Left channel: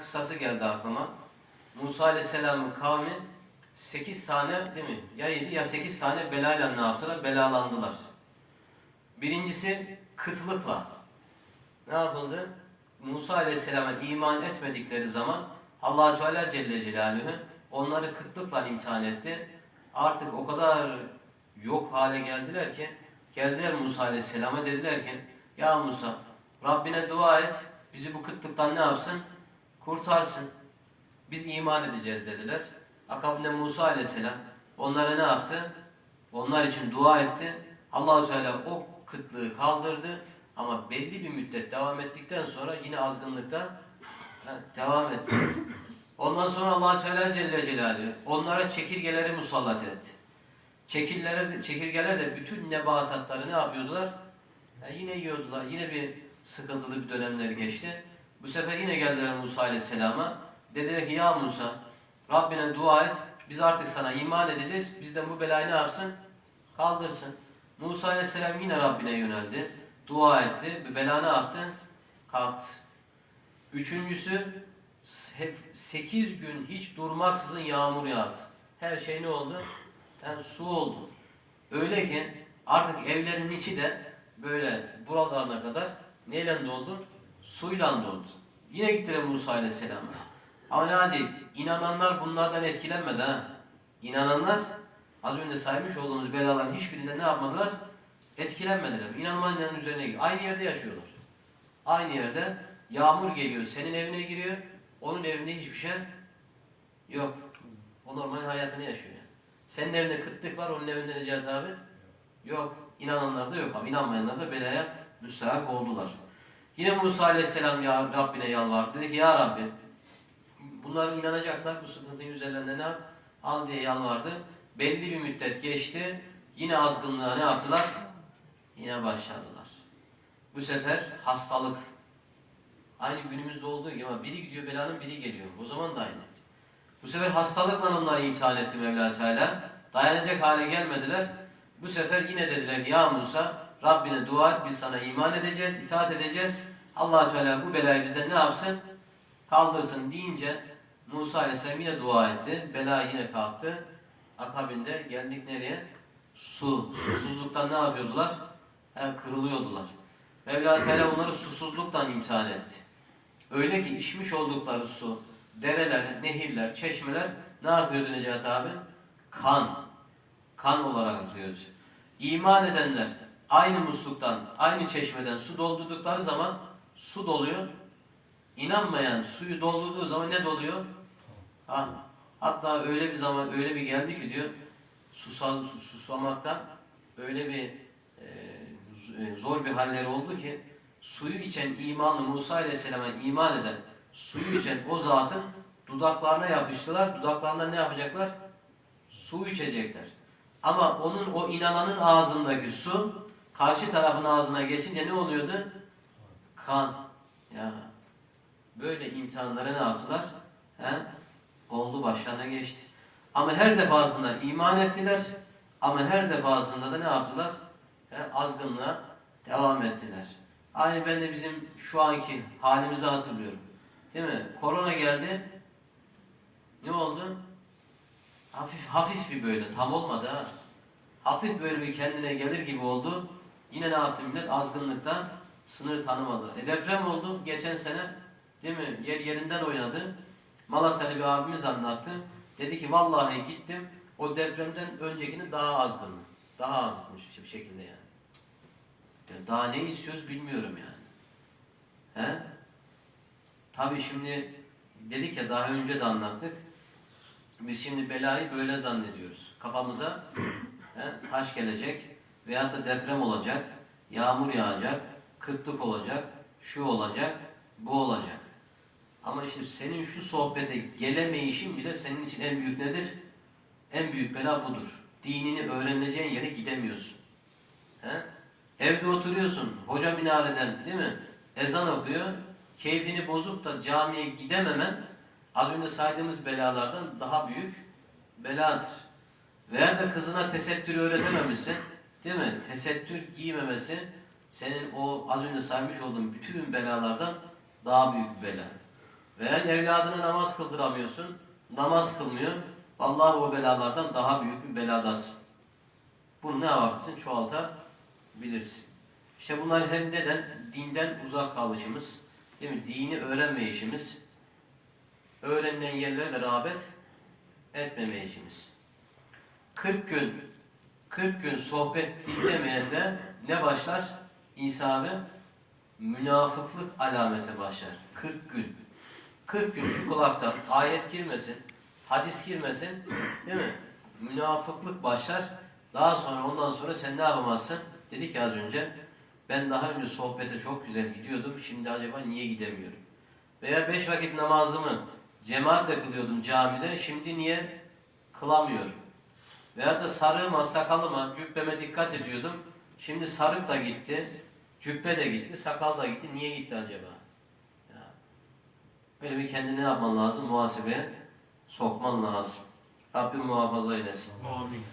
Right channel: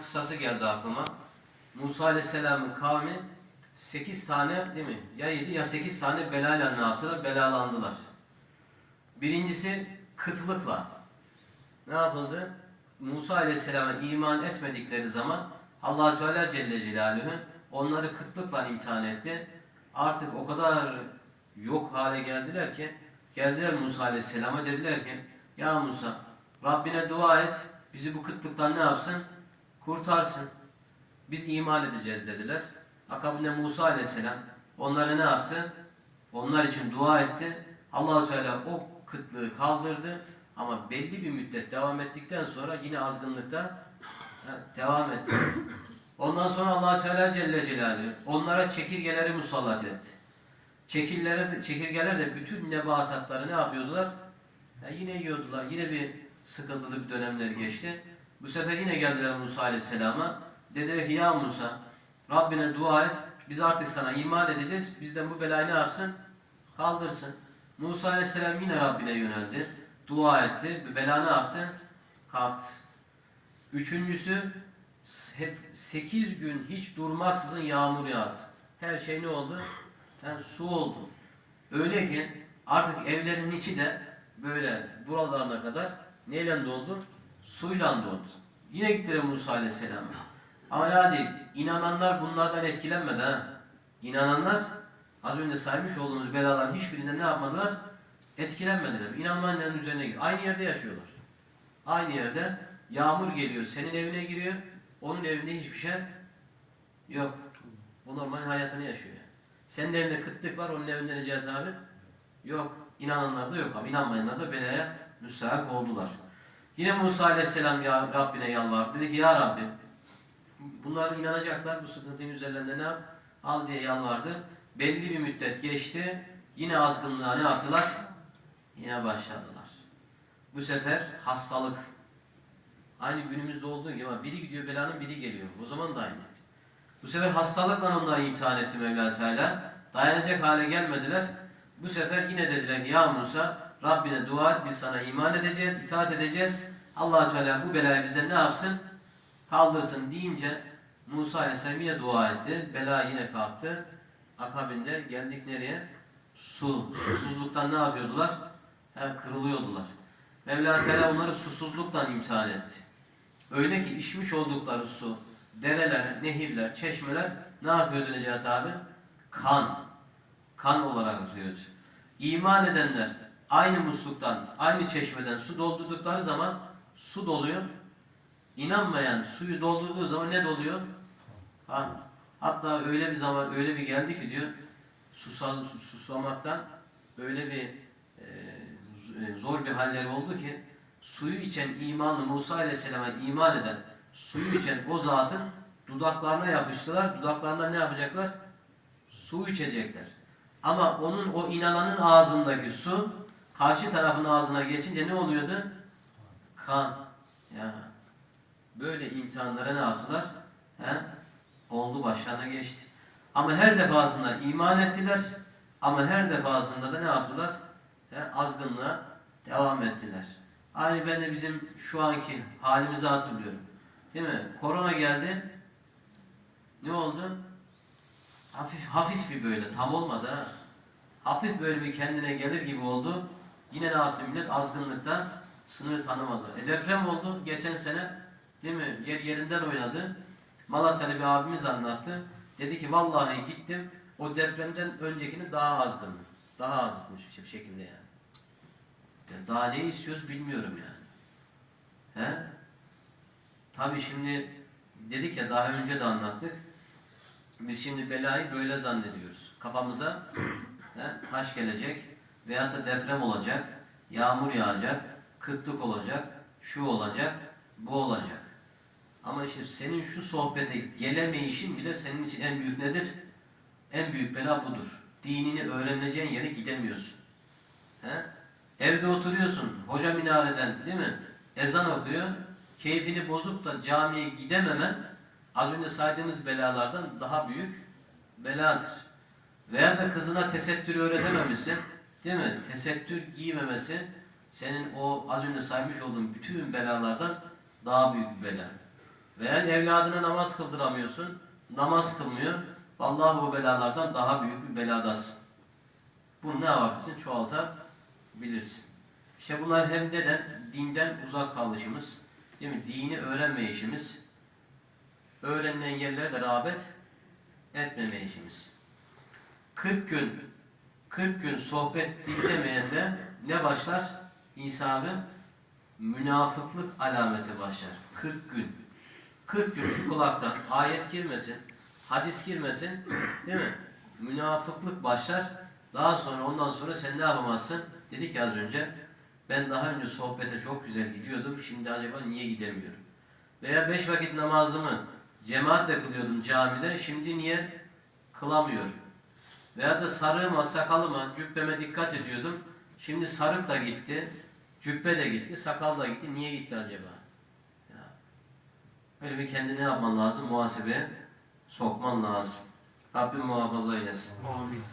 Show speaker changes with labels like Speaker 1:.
Speaker 1: kıssası geldi aklıma. Musa Aleyhisselam'ın kavmi 8 tane değil mi? Ya 7 ya 8 tane belayla ne yaptılar? Belalandılar. Birincisi kıtlıkla. Ne yapıldı? Musa Aleyhisselam'a iman etmedikleri zaman allah Teala Celle Celaluhu onları kıtlıkla imtihan etti. Artık o kadar yok hale geldiler ki geldiler Musa Aleyhisselam'a dediler ki ya Musa Rabbine dua et bizi bu kıtlıktan ne yapsın? Kurtarsın. Biz iman edeceğiz dediler. Akabinde Musa Aleyhisselam onlara ne yaptı? Onlar için dua etti. Allahu Teala o kıtlığı kaldırdı ama belli bir müddet devam ettikten sonra yine azgınlıkta devam etti. Ondan sonra Allah Teala Celle Celaluhu onlara çekirgeleri musallat etti. Çekirgeler de, çekirgeler de bütün nebatatları ne yapıyordular? Ha, yine yiyordular. Yine bir sıkıntılı bir dönemler geçti. Bu sefer yine geldiler Musa Aleyhisselam'a. Dediler ki ya Musa Rabbine dua et. Biz artık sana iman edeceğiz. Bizden bu belayı ne yapsın? Kaldırsın. Musa Aleyhisselam yine Rabbine yöneldi. Dua etti. Bir bela ne yaptı? Kalktı. Üçüncüsü hep 8 gün hiç durmaksızın yağmur yağdı. Her şey ne oldu? Yani su oldu. Öyle ki artık evlerin içi de böyle buralarına kadar neyle doldu? Suyla doldu. Yine gittiler Musa Aleyhisselam'a. Ama ne acayip, inananlar bunlardan etkilenmedi ha. İnananlar az önce saymış olduğumuz belaların hiçbirinden ne yapmadılar? Etkilenmediler. İnanmayanların üzerine giriyor. Aynı yerde yaşıyorlar. Aynı yerde yağmur geliyor, senin evine giriyor. Onun evinde hiçbir şey yok. O normal hayatını yaşıyor. yani. Senin evinde kıtlık var, onun evinde Necati abi yok. İnananlar da yok ama inanmayanlar da belaya müstahak oldular. Yine Musa Aleyhisselam ya Rabbine yalvardı. Dedi ki ya Rabbi bunlar inanacaklar bu sıkıntının üzerlerinde ne? Al diye yalvardı. Belli bir müddet geçti. Yine azgınlığa ne yaptılar? Yine başladılar. Bu sefer hastalık. Aynı günümüzde olduğu gibi ama biri gidiyor belanın biri geliyor. O zaman da aynı. Bu sefer hastalıkla onları imtihan etti Mevla Teala. Dayanacak hale gelmediler. Bu sefer yine dediler ki ya Musa Rabbine dua et biz sana iman edeceğiz, itaat edeceğiz. allah Teala bu belayı bizden ne yapsın? Kaldırsın deyince Musa Aleyhisselam yine dua etti. Bela yine kalktı. Akabinde geldik nereye? Su. Susuzluktan ne yapıyordular? He, kırılıyordular. Mevla Teala onları susuzluktan imtihan etti. Öyle ki içmiş oldukları su, dereler, nehirler, çeşmeler ne yapıyordu Necati abi? Kan. Kan olarak akıyordu. İman edenler aynı musluktan, aynı çeşmeden su doldurdukları zaman su doluyor. İnanmayan suyu doldurduğu zaman ne doluyor? Ha, hatta öyle bir zaman öyle bir geldi ki diyor susam, sus- susamaktan öyle bir e, e, zor bir halleri oldu ki suyu içen imanlı Musa Aleyhisselam'a iman eden suyu içen o zatın dudaklarına yapıştılar. Dudaklarından ne yapacaklar? Su içecekler. Ama onun o inananın ağzındaki su karşı tarafın ağzına geçince ne oluyordu? Kan. Ya böyle imtihanlara ne yaptılar? He? Oldu başlarına geçti. Ama her defasında iman ettiler. Ama her defasında da ne yaptılar? He? Azgınlığa devam ettiler. Aynı ben de bizim şu anki halimizi hatırlıyorum. Değil mi? Korona geldi. Ne oldu? Hafif hafif bir böyle tam olmadı ha. Hafif böyle bir kendine gelir gibi oldu. Yine ne yaptı millet? Azgınlıktan sınır tanımadı. E deprem oldu geçen sene. Değil mi? Yer yerinden oynadı. Malatya'da bir abimiz anlattı. Dedi ki vallahi gittim. O depremden öncekini daha azgın. Daha azmış bir şekilde yani. Ya Daha ne istiyoruz bilmiyorum yani. He? Tabii şimdi dedik ya daha önce de anlattık. Biz şimdi belayı böyle zannediyoruz. Kafamıza he, taş gelecek veyahut da deprem olacak, yağmur yağacak, kıtlık olacak, şu olacak, bu olacak. Ama işte senin şu sohbete gelemeyişin bile senin için en büyük nedir? En büyük bela budur. Dinini öğreneceğin yere gidemiyorsun. He? Evde oturuyorsun, hoca minareden değil mi? Ezan okuyor, keyfini bozup da camiye gidememen az önce saydığımız belalardan daha büyük beladır. Veya da kızına tesettür öğretememişsin, değil mi? Tesettür giymemesi senin o az önce saymış olduğum bütün belalardan daha büyük bir bela. Veya evladına namaz kıldıramıyorsun. Namaz kılmıyor. Vallahi o belalardan daha büyük bir beladasın. Bunu ne yapabilirsin? Çoğaltabilirsin. İşte bunlar hem neden? Dinden uzak kalışımız, değil mi? Dini öğrenmeyişimiz, öğrenilen yerlere de rağbet etmemeyişimiz. 40 gün 40 gün sohbet dinlemeyende ne başlar? İsa abi münafıklık alameti başlar. 40 gün. 40 gün şu kulaktan ayet girmesin, hadis girmesin, değil mi? Münafıklık başlar. Daha sonra ondan sonra sen ne yapamazsın? Dedik ya az önce. Ben daha önce sohbete çok güzel gidiyordum. Şimdi acaba niye gidemiyorum? Veya beş vakit namazımı cemaatle kılıyordum camide. Şimdi niye kılamıyorum? Veya da sarığıma, sakalıma, cübbeme dikkat ediyordum. Şimdi sarık da gitti, cübbe de gitti, sakal da gitti. Niye gitti acaba? Ya. Böyle bir kendini yapman lazım? Muhasebeye sokman lazım. Rabbim muhafaza eylesin.
Speaker 2: Amin.